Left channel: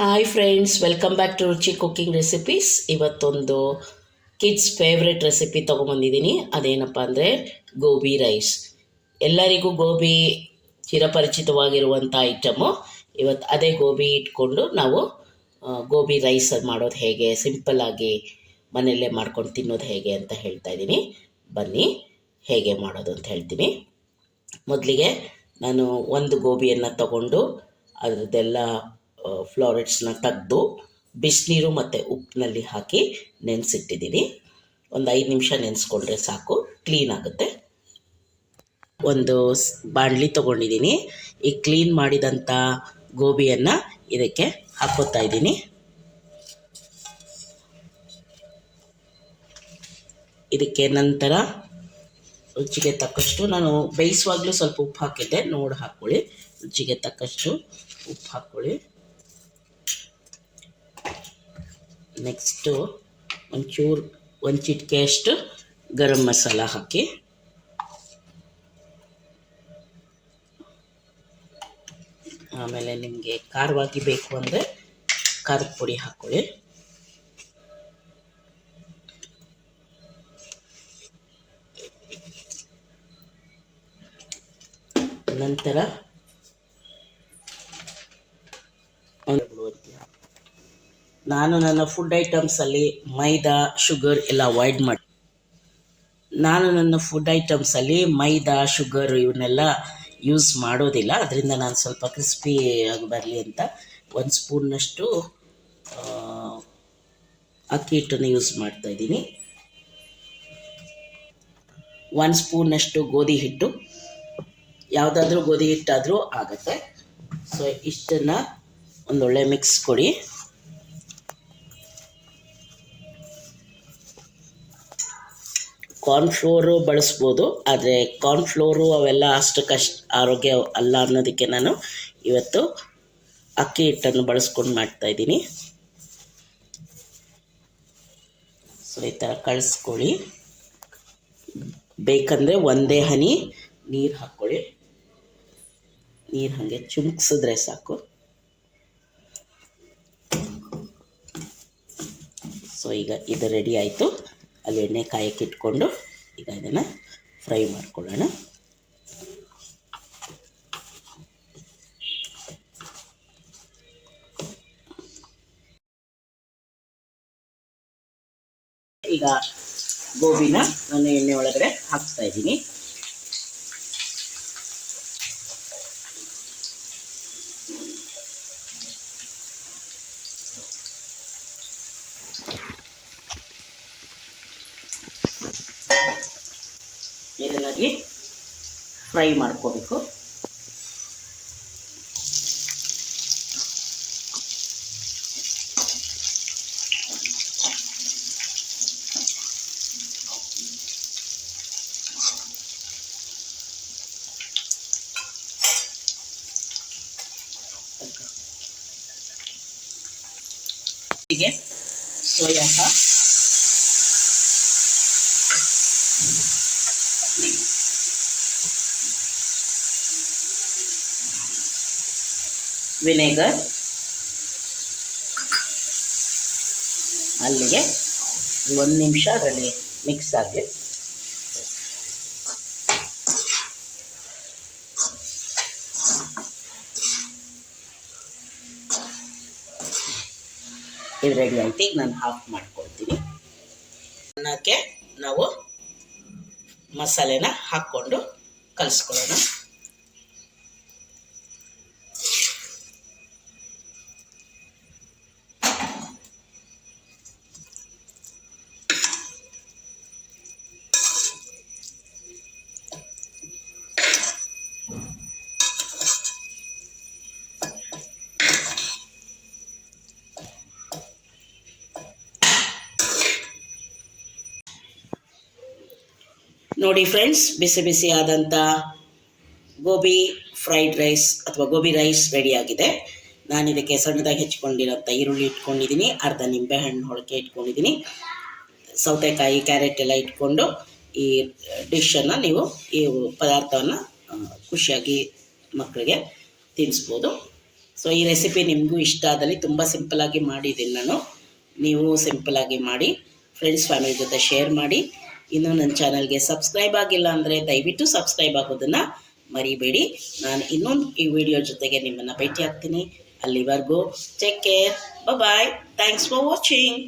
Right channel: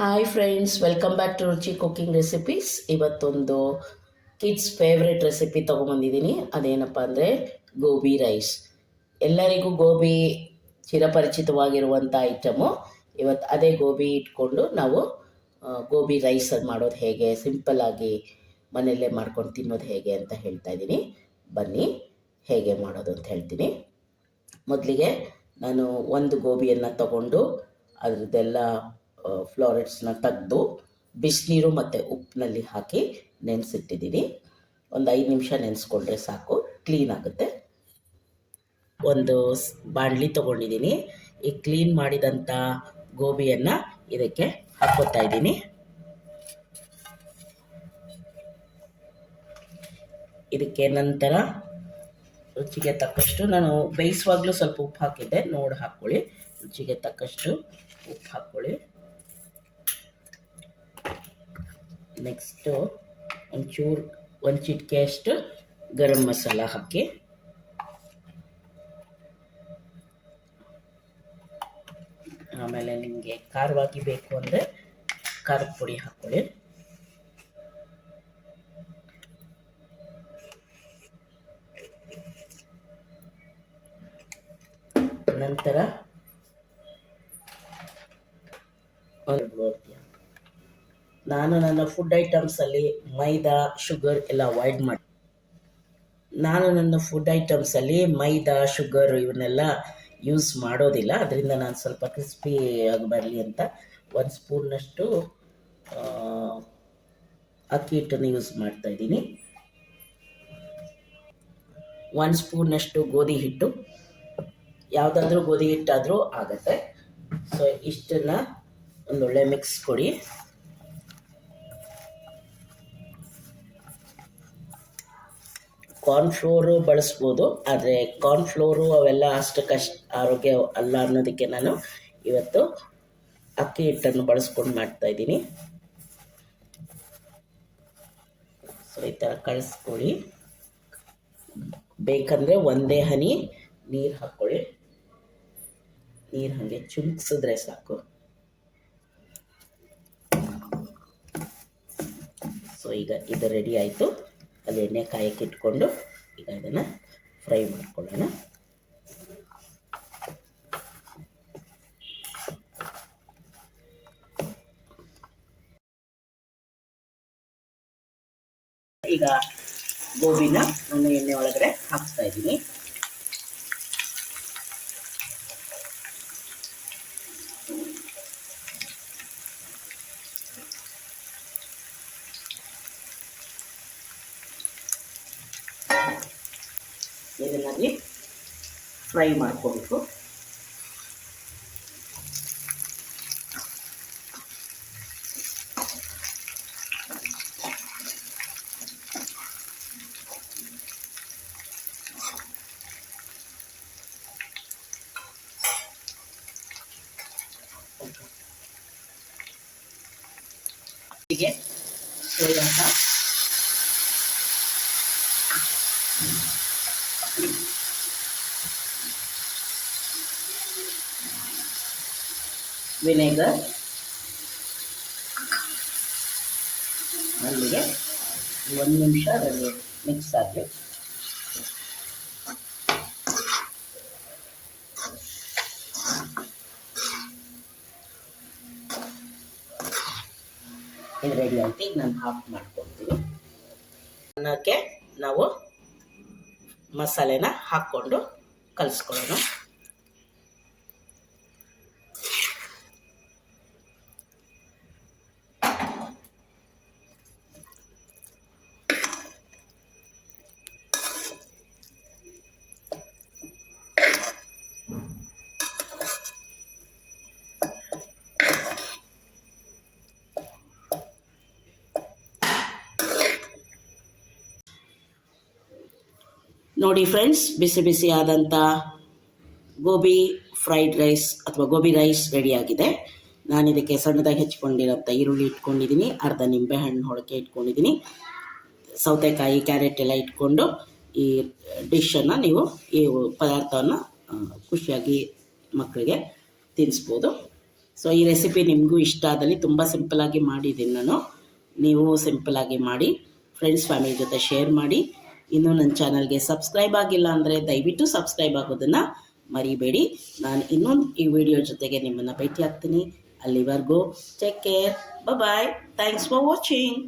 Hi friends, welcome back to Ruchi cooking recipes. ಇವತ್ತೊಂದು kids favourite recipe ತೊಗೊಂಬಂದಿದ್ದೀನಿ. ಅದೇನಪ್ಪ ಅಂದರೆ ಗೋಬಿ ರೈಸ್. ಎಲ್ಲರಿಗೂ ಗೋಬಿ ಚಿರಪರಿಚಿತವಾಗಿರುವಂಥ ಐಟಮು. ಇವತ್ತು ಅದೇ ಗೋಬಿ ಇಟ್ಕೊಂಡು ನಾವು ಗೋಬಿ ರೈಸ್ ಮಾಡೋದು ಹೇಗೆ, ಸಿಂಪಲ್ಲಾಗಿ ಮನೆಯಲ್ಲೇ ಮಾಡ್ಕೊಂಡು ತಿನ್ನೋದು ಹೇಗೆ ಅಂತ ಹೇಳ್ತಾ ಇದ್ದೀನಿ. ಬನ್ನಿ ಹೇಗೆ ಮಾಡೋದು ಅಂತ ಹೇಳ್ತೀನಿ. ಮೊದಲಿಗೆ ನಾನು ಒಂದು ಗೋಬಿಯನ್ನು ತಗೊಂಡು ಅದರದ್ದೆಲ್ಲ ಫ್ಲೋರೆಟ್ಸ್ನ ತೆಗೆದು ಬಿಸಿನೀರು ಮತ್ತು ಉಪ್ಪಿನಲ್ಲಿ ಹಾಕಿ ನೆನೆಸಿಟ್ಟಿದ್ದೀನಿ. ಒಂದು 5 ನಿಮಿಷ ನೆನೆಸ್ಕೊಂಡ್ರೆ ಸಾಕು, ಕ್ಲೀನ್ ಆಗುತ್ತೆ. ಒಂದು ಬಾಣಲಿ ತೊಗೊಂಡಿದ್ದೀನಿ. ಈ ಕ್ಲೀನ್ ಮಾಡಿದಂಥ ಗೋಬಿಯನ್ನು ಇದಕ್ಕೆ ಹಾಕೋತಾ ಇದ್ದೀನಿ. ಇದಕ್ಕೆ ನಂತರ ರುಚಿಗೆ ತಕ್ಕಷ್ಟು, ನಾನು ಬೇಯಿಸುವಾಗಲೂ ಸ್ವಲ್ಪ ಉಪ್ಪು ಹಾಕಿದ್ದೆ, ನೋಡಿ ಹಾಕ್ಕೊಳ್ಳಿ. ರುಚಿಗೆ ತಕ್ಕಷ್ಟು ಉಪ್ಪು ಹಾಕ್ಕೊಳ್ಳಿ. ನೆಕ್ಸ್ಟು ಒಂದು ಚಿಟಿಕೆಯಷ್ಟು ಗರಂ ಮಸಾಲ ಹಾಕಿ, ಆಮೇಲೆ ನಿಮಗೆ ಖಾರವಾಗಿ ಬೇಕು ಅಂದರೆ ಖಾರದ ಪುಡಿ ಹಾಕ್ಕೊಳ್ಳಿ. ನಂತರ ನಾನು ನನ್ನ ಫುಡ್ ಐಟಮ್ಸಲ್ಲಿ ಮೈದಾ, ಶುಗರ್ ಎಲ್ಲ ಅವಾಯ್ಡ್ ಮಾಡಿ ಇವನ್ನೆಲ್ಲ ಯೂಸ್ ಮಾಡೋದಿಲ್ಲ. ಅದರಿಂದ ನಾನು ಸ್ವಲ್ಪ ಕ್ರಿಸ್ಪಿ ಆಗಿ ಬರಲಿ ಅಂತ 1 ಸ್ಪೂನ್ನಷ್ಟು ಅಕ್ಕಿ ಹಿಟ್ಟನ್ನು ಯೂಸ್ ಮಾಡ್ತಾಯಿದ್ದೀನಿ. 1 ಸ್ಪೂನ್ನಷ್ಟು ಗೋಧಿ ಹಿಟ್ಟು, ಯಾವುದಾದ್ರೂ ಗೋಧಿ ಹಿಟ್ಟಾದರೂ ಆಗುತ್ತೆ. ಸೊ ಇಷ್ಟನ್ನು ಒಂದೊಳ್ಳೆ ಮಿಕ್ಸ್ ಕೊಡಿ. ಕಾರ್ನ್ಫ್ಲೋರು ಬಳಸ್ಬೋದು, ಆದರೆ ಕಾರ್ನ್ಫ್ಲೋರು ಅವೆಲ್ಲ ಅಷ್ಟಕ್ಕಷ್ಟು ಆರೋಗ್ಯ ಅಲ್ಲ ಅನ್ನೋದಕ್ಕೆ ನಾನು ಇವತ್ತು ಅಕ್ಕಿ ಹಿಟ್ಟನ್ನು ಬಳಸ್ಕೊಂಡು ಮಾಡ್ತಾಯಿದ್ದೀನಿ. ಸೊ ಈ ಥರ ಕಳಿಸ್ಕೊಳ್ಳಿ. ಬೇಕಂದರೆ ಒಂದೇ ಹನಿ ನೀರು ಹಾಕ್ಕೊಳ್ಳಿ. ನೀರು ಹಾಗೆ ಚುಮ್ಕಿಸಿದ್ರೆ ಸಾಕು. ಸೊ ಈಗ ಇದು ರೆಡಿ ಆಯಿತು. ಅಲ್ಲಿ ಎಣ್ಣೆ ಕಾಯಕ್ಕೆ ಇಟ್ಕೊಂಡು ಈಗ ಇದನ್ನು ಫ್ರೈ ಮಾಡ್ಕೊಳ್ಳೋಣ. ಈಗ ಗೋಬಿನ ನಾನು ಎಣ್ಣೆ ಒಳಗಡೆ ಹಾಕ್ತಾ ಇದ್ದೀನಿ. ಇದನ್ನಾಗಿ ಫ್ರೈ ಮಾಡ್ಕೋಬೇಕು. ಹೀಗೆ ಸೋಯಾ ಸಾಸ್, ವಿನೆಗರ್, ಅಲ್ಲಿಗೆ 1 ನಿಮಿಷ ಅದರಲ್ಲಿ ಮಿಕ್ಸ್ ಆಗಲಿ. ಇದು ರೆಡಿ ಆಯ್ತು. ಈಗ ನಾನು ಹಾಫ್ ಮಾಡ್ಕೊಳ್ತೀನಿ. ಅನ್ನಕ್ಕೆ ನಾವು ಮಸಾಲೆನ ಹಾಕ್ಕೊಂಡು ಕಲಿಸ್ಕೊಳ್ಳೋಣ. ನೋಡಿ ಫ್ರೆಂಡ್ಸ್, ಬಿಸಿ ಬಿಸಿ ಆದಂಥ ಗೋಬಿ ಫ್ರೈಡ್ ರೈಸ್ ಅಥವಾ ಗೋಬಿ ರೈಸ್ ರೆಡಿಯಾಗಿದೆ. ನಾನು ಇದಕ್ಕೆ ಸಣ್ಣದಾಗಿ ಹೆಚ್ಕೊಂಡಿರೋಂಥ ಈರುಳ್ಳಿ ಇಟ್ಕೊಂಡಿದ್ದೀನಿ, ಅರ್ಧ ನಿಂಬೆಹಣ್ಣು ಹೊಳಕೆ ಇಟ್ಕೊಂಡಿದ್ದೀನಿ, ಸೌತೆಕಾಯಿ, ಕ್ಯಾರೆಟ್ ಎಲ್ಲ ಇಟ್ಕೊಂಡು ಈ ಡಿಶನ್ನು ನೀವು ಈ ಪದಾರ್ಥವನ್ನು ಖುಷಿಯಾಗಿ ಮಕ್ಕಳಿಗೆ ತಿನ್ನಿಸ್ಬೋದು. ಸೊ ಈ ರೆಸಿಪಿ ನಿಮಗೂ ಇಷ್ಟ ಆದಲ್ಲಿ ತುಂಬ ಸಿಂಪಲಾಗಿ ಮಾಡಿದ್ದೀನಿ ನಾನು. ನೀವು ಸಿಂಪಲಾಗಿ ಮಾಡಿ ಫ್ರೆಂಡ್ಸ್ ಫ್ಯಾಮಿಲಿ ಜೊತೆ ಶೇರ್ ಮಾಡಿ. ಇನ್ನೂ ನನ್ನ ಚಾನಲ್ಗೆ ಸಬ್ಸ್ಕ್ರೈಬ್ ಆಗಿಲ್ಲ ಅಂದರೆ ದಯವಿಟ್ಟು ಸಬ್ಸ್ಕ್ರೈಬ್ ಆಗೋದನ್ನು ಮರಿಬೇಡಿ. ನಾನು ಇನ್ನೊಂದು ಈ ವಿಡಿಯೋ ಜೊತೆಗೆ ನಿಮ್ಮನ್ನು ಭೇಟಿ ಆಗ್ತೀನಿ. ಅಲ್ಲಿವರೆಗೂ take care, bye, thanks for watching.